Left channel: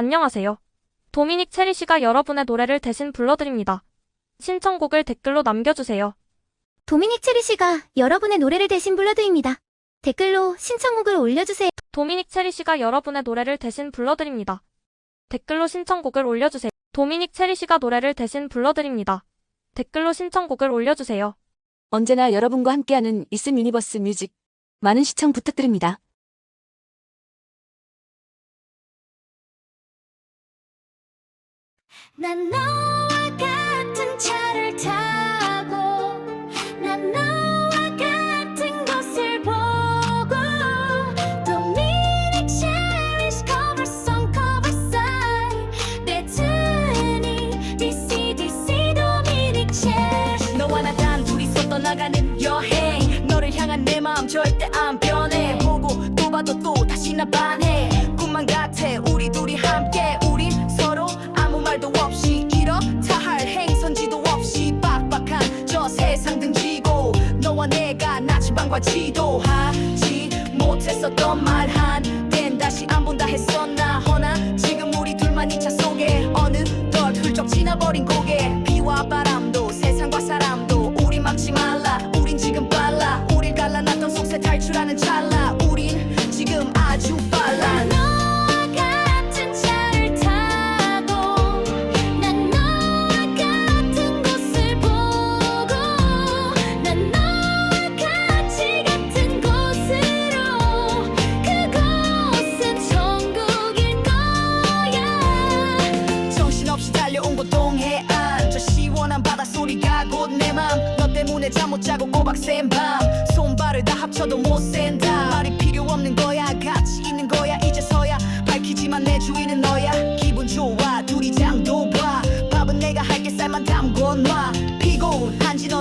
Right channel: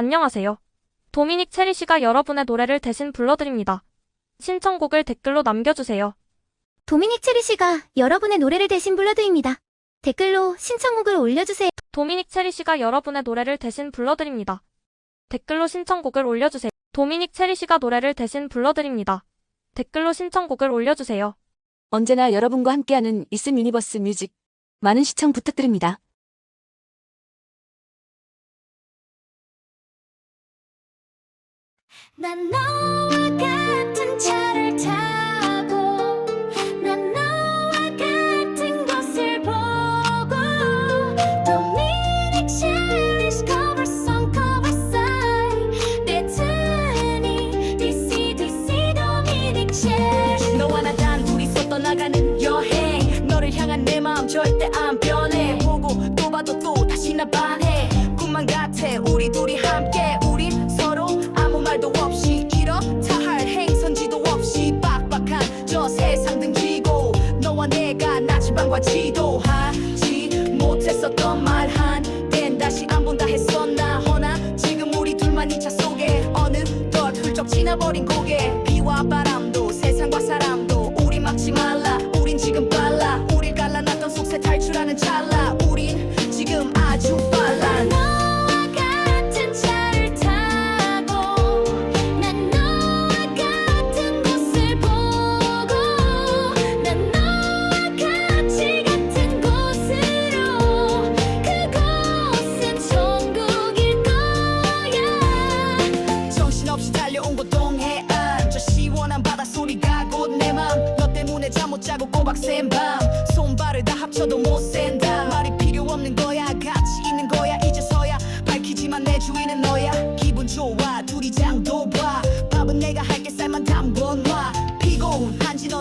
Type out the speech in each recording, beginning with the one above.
안녕하세요. 도미닉 체리 씨가 여러분의 노래를 대신 불러드립니다. 신청곡을 댓글로 남겨주세요. 도미닉 체리 씨가 여러분의 노래를 대신 불러드립니다. 댓글로 신청곡을 올려주세요. 도미닉 체리 씨가 여러분의 노래를 대신 불러드립니다. 댓글로 신청곡을 올려주세요. 도미닉 체리 씨가 노래를 대신 불러드립니다. 댓글로 신청곡을 올려주세요. 언제나 여러분과 함께하는 이슴 유니버스 뮤직. 많은 시청 부탁드립니다. 난 너와 같은 차를 타고 난 너와 같은 곳을 보고 도미닉 체리's cover송 coverside 내 튼이 DC DC 도미닉 체리 너와 나 단 둘이서 떠나가는 여행. 너를 향한 내 마음 절대 안 변해. 보고 또 봐도 또 다시 나 반해. 꿈만 같아. 우리 둘이 함께 말도 없이 이렇다 할 행선지도 없이 빡빡한 저 세상 등지고 너와 내가 나침반과 지도하지 못했었던 말 한땐 다시 안 본다 했었나? 허나 지금 우리 둘만 이 차 속에 어느덧 훌쩍 지나버린 고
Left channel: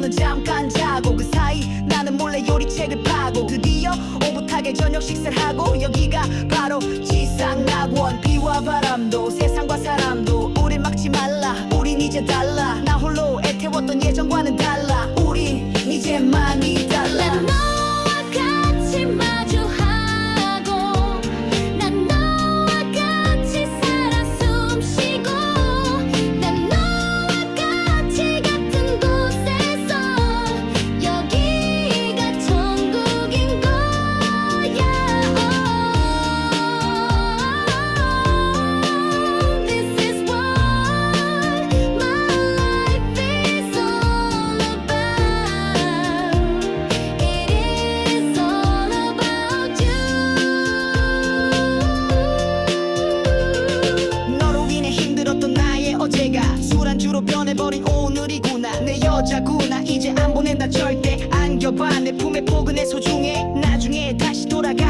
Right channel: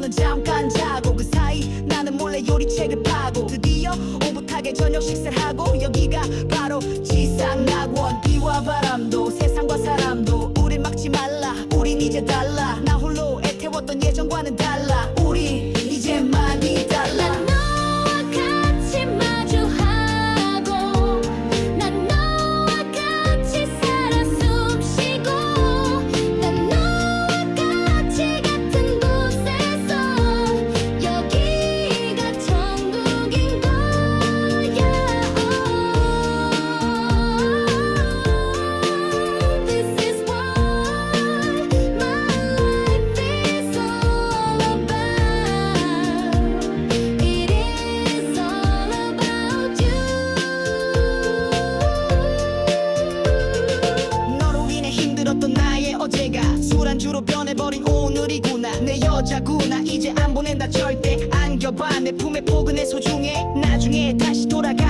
는 잠깐 자고 그 사이 나는 몰래 요리책을 파고 드디어 오붓하게 저녁 식사를 하고 여기가 바로 지상 낙원 비와 바람도 세상과 사람도 우릴 막지 말라 우린 이제 달라 봐 내 품에 포근해 소중해. 나중에 다시 돌아가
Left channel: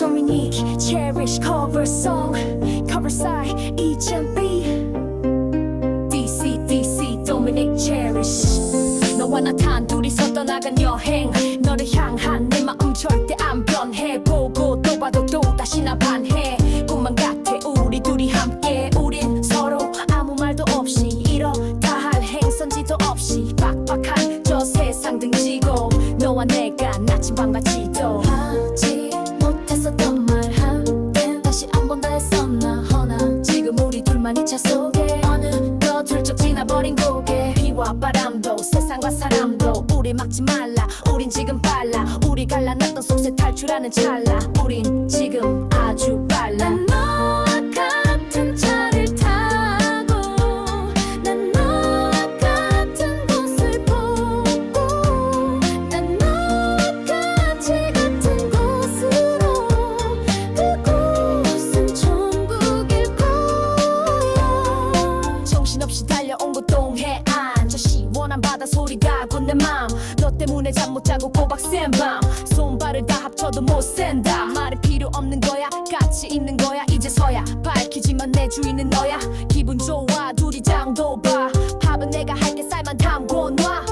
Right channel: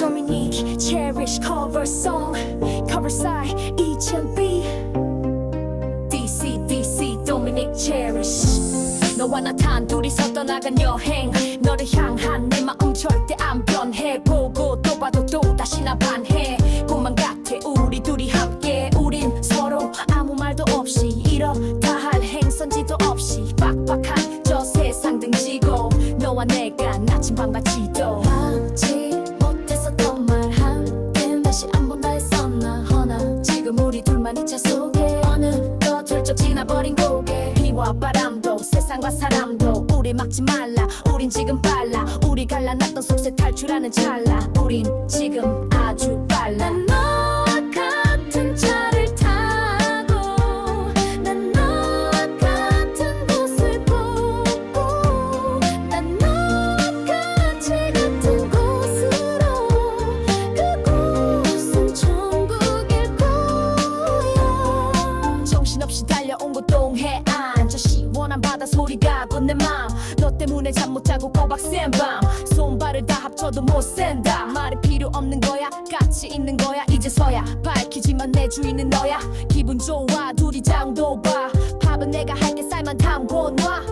Dominique Cherish cover song cover side E.B DC DC Dominic Cherish. 너와 나 단둘이서 떠나간 여행. 너를 향한 내 마음 절대 안 변해. 보고 또 봐도 또 다시 나 반해. 꿈만 같아 우리 둘이 함께. 우린 서로 아무 말도 없이 이렇다 할 행선지도 없이 빡빡한 저 세상 등지고 너와 내가 지도. 하지 못 했었던 말 한땐 다시 안 본다 했었나 허나 지금 우리 둘만 이 차 속에 어느덧 훌쩍 지나버린 고개. 비와 바람도 세상과 사람도 우리 막지 말라. 우린 지금 빨라. 우리 갈라놨던 속세 탈출하는 찰나. 우린 지금 아주 빨라 손발을 다 합쳐도 못 센다. 말이 필요 없는 거야. 같이 있는 거야. 이제서야 밝히지만 내 주인은 너야. 기분 좋아. 둘이 장도 봐. 밥은 내가 할게. 쌀만 담고 놔.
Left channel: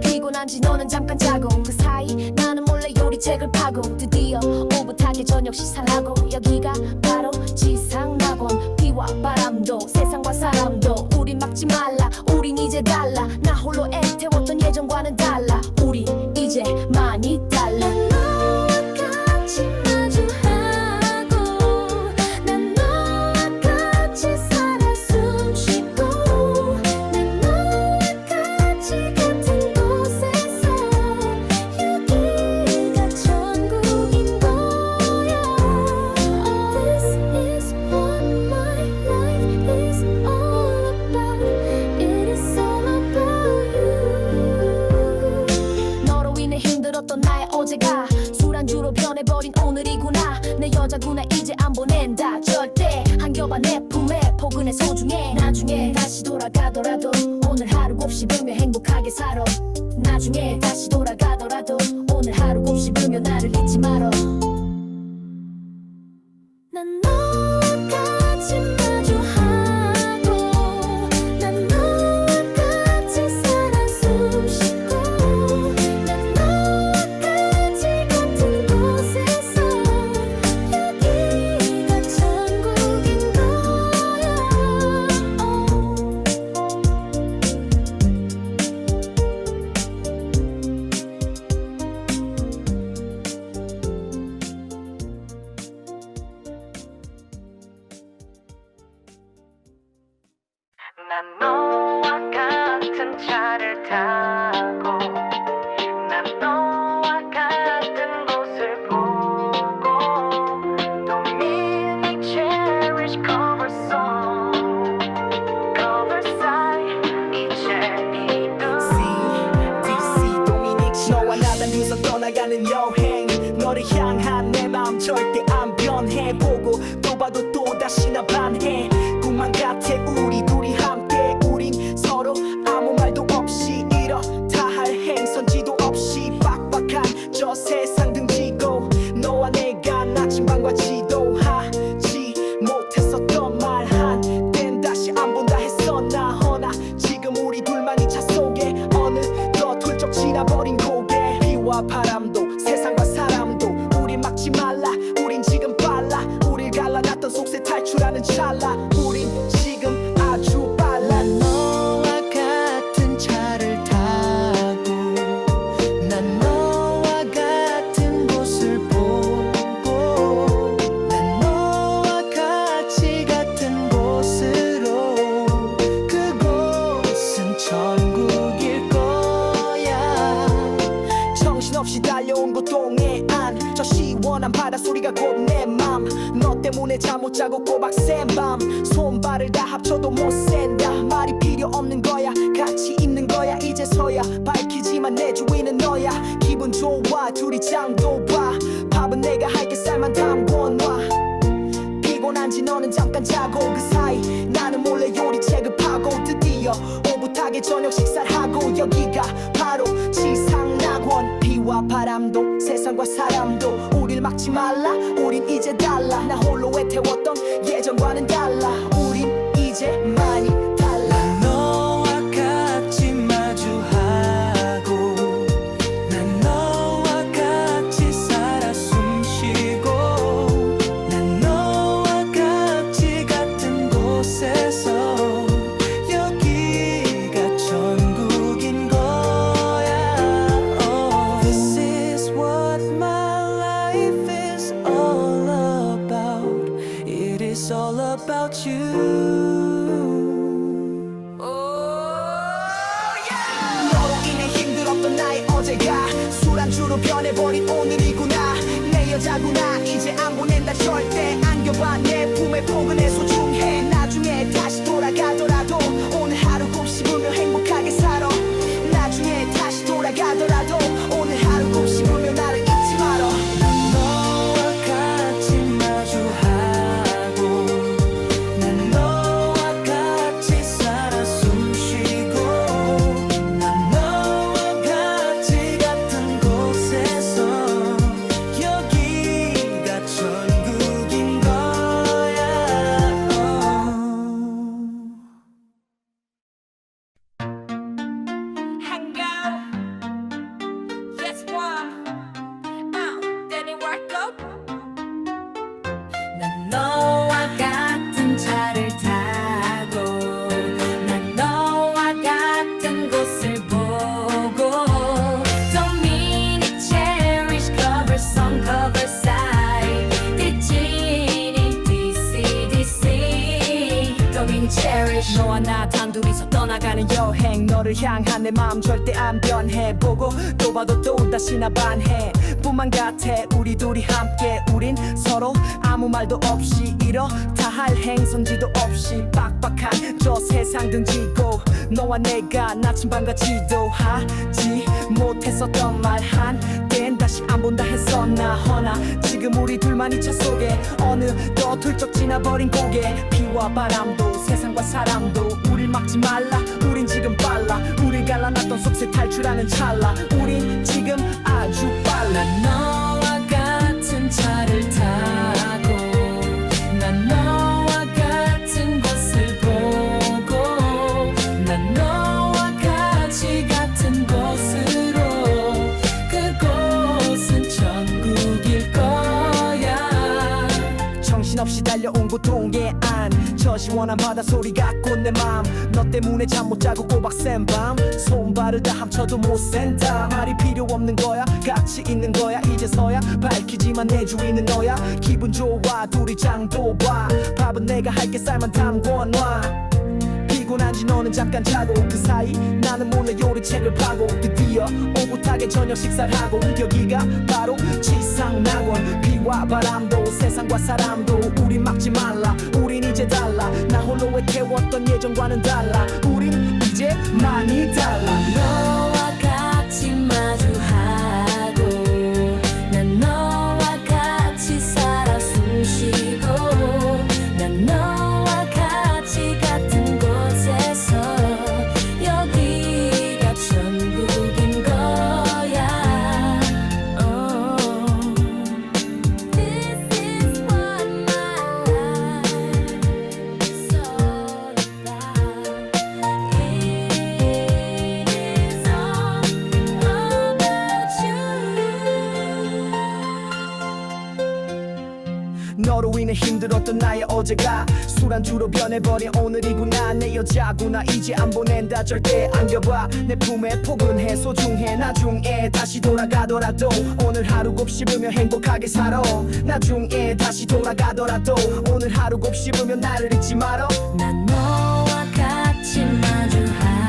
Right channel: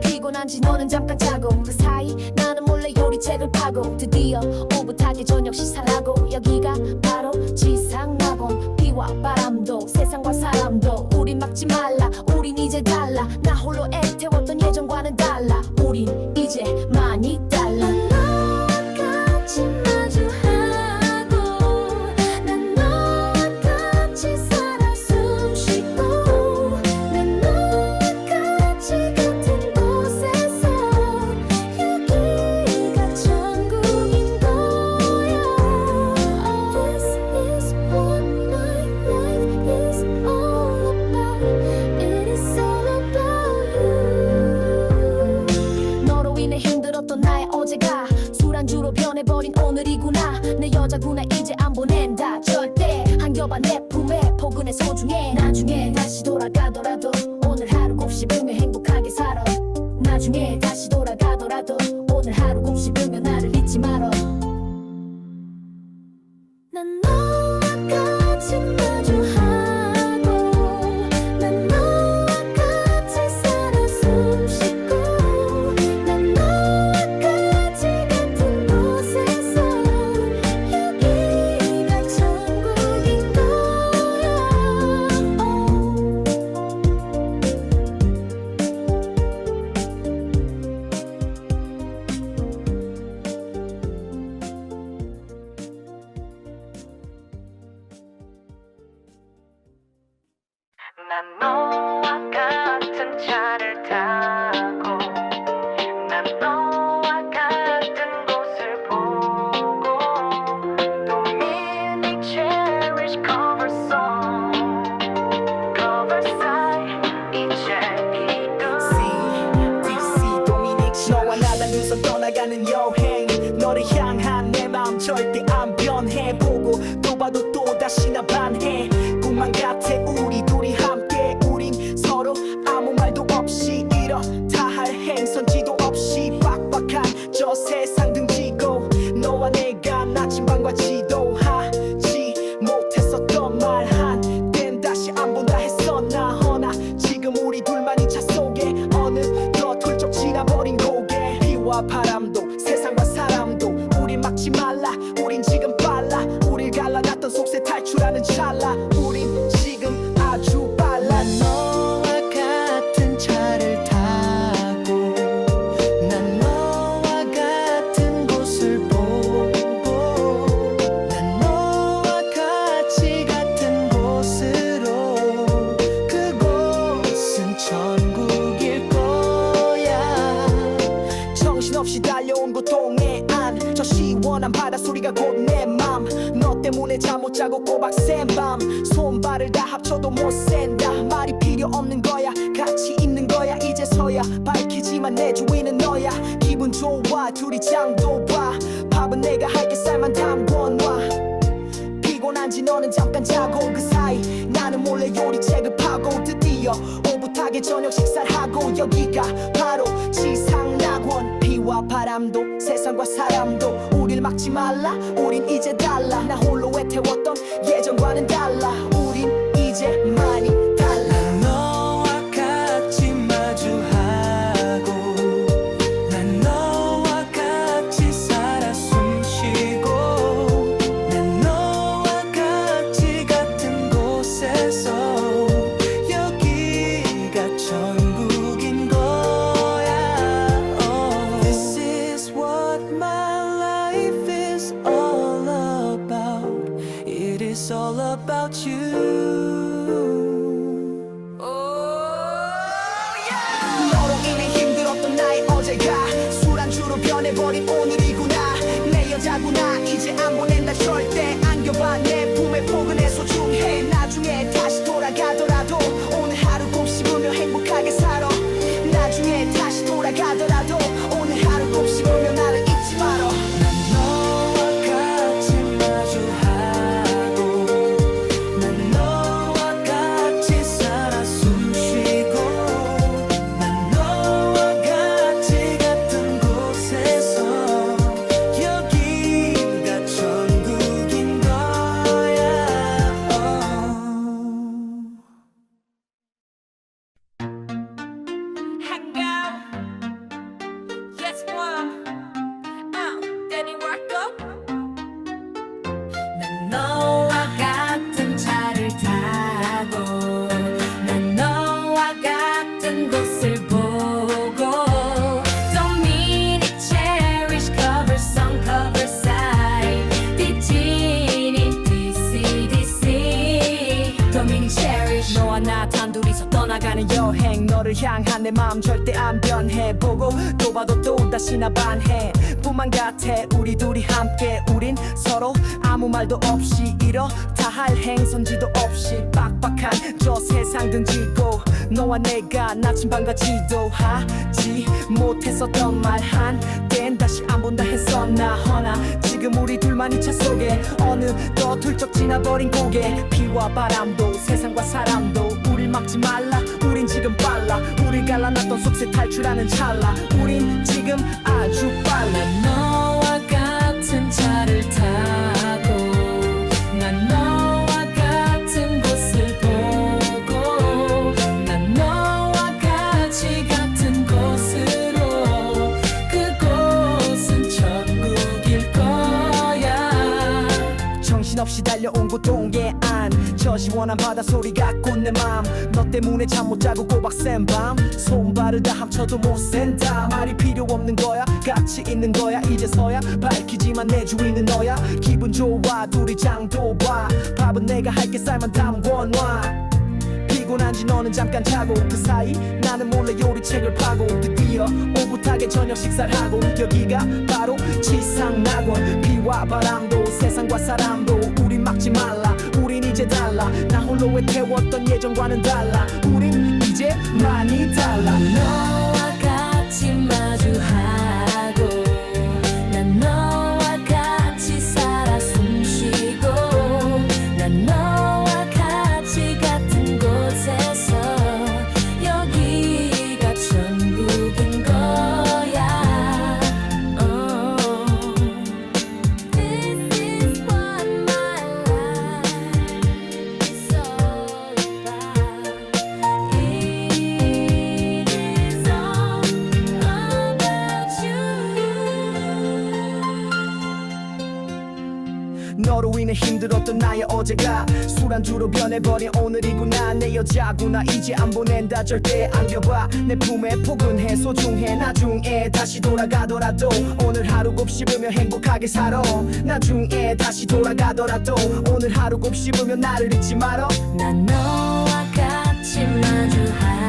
피곤한지 너는 잠깐 자고 그 사이 나는 몰래 요리책을 파고 드디어 오붓하게 저녁 식사를 하고 여기가 바로 지상낙원. 비와 바람도 세상과 사람도 우린 막지 말라. 우린 이제 달라. 나 홀로 애태웠던 예전과는 달라. 우린 이제 많이 달라 같 힘들었던 나의 어제가 술안주로 변해버린 오늘이구나. 내 여자구나 이제 안 보낸다. 절대 한 겹아 내 품에 포근해 소중해. 나중에 다시 돌아가더라도 오늘 하루 곱씹으며 행복하게 살아. 나중에 다시 돌아가더라도 오늘 하루 곱씹으며 나를 잊지 말어 난너 난 너와 같은 차를 타 나 단두서 떠나가는 여행. 너를 향한 내 마음 절대 안 변해. 보고 또 봐도 또 다시 나 반해. 꿈만 같아 우리 둘이 함께. 우린 서로 아무 말도 없이 이렇다 할 행선지도 없이 빡빡한 저 세상 등지고 너와 내가 나침반과 지도하지 못했었던 말 한땐 다시 안 본다 했었나. 허나 지금 우리 둘만 이 차 속에 어느덧 훌쩍 지나버린 고 개 비와 바람도 세상과 사람도. 우리 막지 말라 우린 지금 빨라. 우릴 갈라놨던 속세 탈출하는 찰나. 우린 지금 아주 때문에 잠 못 자고 꼬박 센밤. 손발을 다 합쳐도 못 센다. 말이 필요 없는 거야. 같이 있는 거야. 이제서야 밝히지만 내 주인은 너야. 기분 좋아. 둘이 장도 봐. 밥은 내가 할게 쌀만 담궈 놔 피곤한 지 너는 잠깐 자고 그 사이 나는 몰래 요리책을 파고 드디어 오붓하게 저녁 식사를 하고 여기가 바로 지상 낙원. 비와 바람도 세상과 사람도 우릴 막지 말라. 우린 이제 달라. 나 홀로 애태웠던 예전과는 달라. 우린 이제 많이 It is all about you. 너로 인해 힘들었던 나의 어제가 술안주로 변해버린 오늘이구나. 내 여자구나. 이제 안 보낸다. 절대 안겨봐. 내 품에 포근해 소중해. 나중에 다시 돌아가더라도 오늘 하루 곱씹으며 행복하게 살아. 나중에 다시 돌아가더라도 오늘 got Cherish. 너와 나 단둘이서 떠나가는 여행. 너를 향한 내 마음 절대 안 변해. 보고 또 봐도 또 다시 나 반해. 뿐만 같아. 우리 둘이 함께. 우린 서로 아무 말도 없이 이렇다 할 행선지도 없이 빡빡한 저 세상 등지고 너와 내가 나침반과 지도하지 못했었던 말 한땐 다시 안 본다 했었나. 허나 지금 우리 둘만 이 차 속에 어느덧 훌쩍 지나버린 고개. 비와 바람도 세상 과 사람도 우릴 막지 말라. 우린 지금 빨라. 우릴 갈라놨던 속세 탈출하는 찰나. 우린 지금 아주 빨라. 난 너와 같은 차를 타고 정신없이 달려온 고통의 안. 저 시원한 바다 소리 갖고 내맘 너 때문에 잠 못 자고 꼬박 샌밤. 손발을 다 합쳐도 못 센다. 말이 필요 없는 거야. 같이 있는 거야. 이제서야 밝히지만 내 주인은 너야. 기분 좋아. 둘이 장도 봐. 밥은 내가 할게 쌀만 담궈놔 피곤한 지 너는 잠깐 자고 그 사이 나는 몰래 요리책을 파고 드디어 오붓하게 저녁 식사를 하고 여기가 바로 지상낙원. 비와 바람도 세상과 사람도 우린 막지 말라. 우린 이제 달라. 나 홀로 애태웠던 예전과는 달라. 우린 이제 많이 달라. 너와 같이 마주하고 난 너와 같이 살아 숨쉬고 난 너와 너로 인해 힘들었던 나의 어제가 술안주로 변해버린 오늘이구나. 내 여자구나. 이제 안 보낸다. 절대 안겨봐. 내 품에 포근해 소중해. 나중에 다시 돌아가더라도 오늘 하루 곱씹으며 행복하게 살아. 나중에 다시 돌아가더라도 오늘 하루 곱씹으며 나를 잊지 말어 난 너와 같이 마주하